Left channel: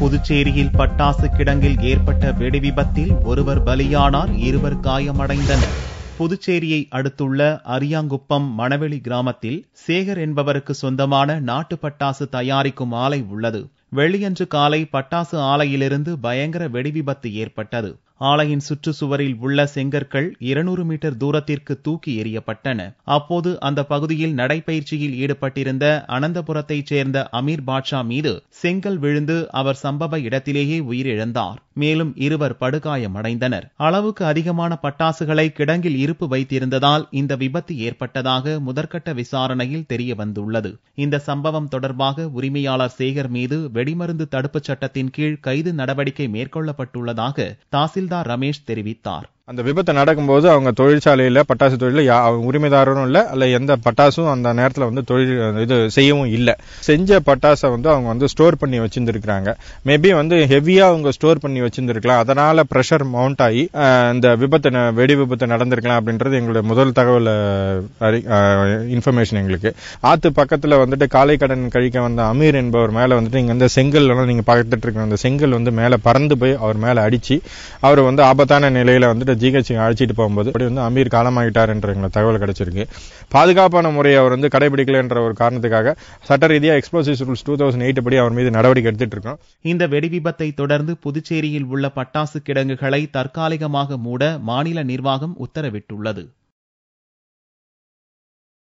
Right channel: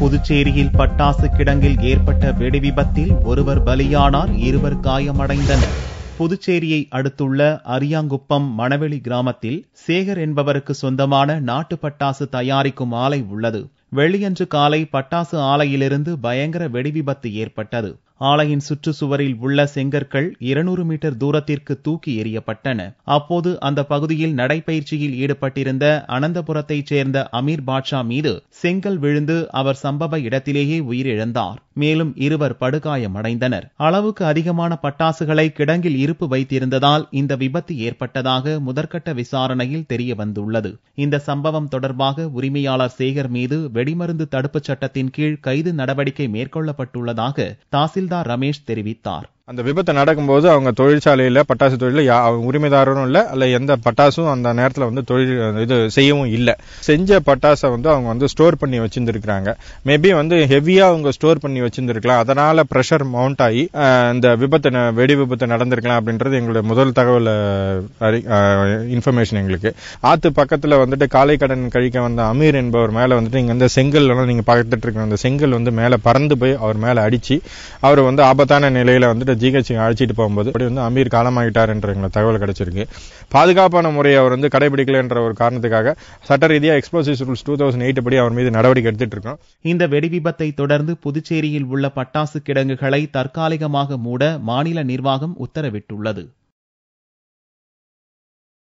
புதுச்சேரியில் பட்டாசு கிடங்கில் ஏற்பட்ட வெடி விபத்தில் ஒருவர் பலியானார், 2 காயமடைந்தனர். புதுச்சேரியை அடுத்துள்ள அரியாங்குப்பம் மணவெளி கிராமத்தில் சேகர் என்பவருக்கு சொந்தமான நாட்டு பட்டாசு தயாரிக்கும் ஆலை உள்ளது. வெள்ளியன்று காலை பட்டாசு ஆலையிலிருந்து பயங்கர வெடி விபத்து ஏற்பட்டது. ஆலையின் சுற்றுச்சுவரில் உள்ள செங்கற்கள் 200 மீட்டர் தூரத்திற்கு தூக்கி எறியப்பட்டன. அப்போது அந்த பகுதியில் நடைபயிற்சியில் ஈடுபட்டிருந்த அனந்தபுரத்தைச் சேர்ந்த அமீர் பாட்ஷா மீது செங்கல் விழுந்து அவர் சம்பவ இடத்திலேயே உயிரிழந்தார். மேலும் 2 படுகாயமடைந்தனர். அளவுக்கு அதிகமான பட்டாசுகளை கிடங்கில் இருப்பு வைத்திருந்ததால் இந்த விபத்து ஏற்பட்டதாக முதற்கட்ட விசாரணையில் தெரியவந்துள்ளது. இந்த சம்பவம் தொடர்பாக உரிமையாளர் சேகர் மீது வெடிமருந்து தடுப்புச் சட்டத்தின் கீழ் கைது நடவடிக்கை மேற்கொள்ளப்பட்டுள்ளதாக தாசில்தார் ரமேஷ் தெரிவித்தார். அந்த விபத்து நடக்கும்போது அவங்க தொழிற்சாலையில பட்டாசு தொழில உரிமைதாரரும் இல்ல, அல்ல எந்த பட்டாசும் அந்த நேரத்தில் தொழில் செய்யவும் இல்லை. செஞ்ச பட்டாசை அவங்க ஸ்டோர் பண்ணி வச்சிருந்திருக்காங்க. மேபி ஹெவியா அவங்க ஸ்டோர் பண்ணி வச்சிருந்திருக்கலாம். அதனால பிரஷர் மவுண்ட் ஆகி இந்த வெடி விபத்து நடந்திருக்கலாம் அப்படின்றது எங்களுடைய முதல் தகவல் இன்ஃபர்மேஷன். எங்களுக்கு ஆத்து பக்கத்துல காலை கடன் கழிக்க வந்த அமீர் என்பவர் மேல இங்க செங்கல் நீங்க பார்த்துட்டு இருக்க அந்த செங்கல் மேல பறந்து போய் அவர் மேல அடிச்சு அவர் ஆபத்தான நிலையில ஜிஹெச் அழைச்சிட்டு போகும்போது அமீர் காலமாகிட்டார் என்ற தகவல் கிடைச்சிருக்கு. பாதுகாப்பான முறையை அவர் கடைபிடிக்கல என்ற ஒரு காரணத்துக்காக சட்ட ரீதியா எக்ஸ்ப்ளோசிவ்ஸ் ரூல்ஸ் 2008 படி அவர் மீது நடவடிக்கை எடுத்துட்டு இருக்கோம். இந்த வெடி விபத்தை தொடர்ந்து புதுச்சேரியில் உள்ள பட்டாசு கிடங்குகளை தற்காலிகமாக மூட மாநில நிர்வாகம் உத்தரவிட்டுள்ளது.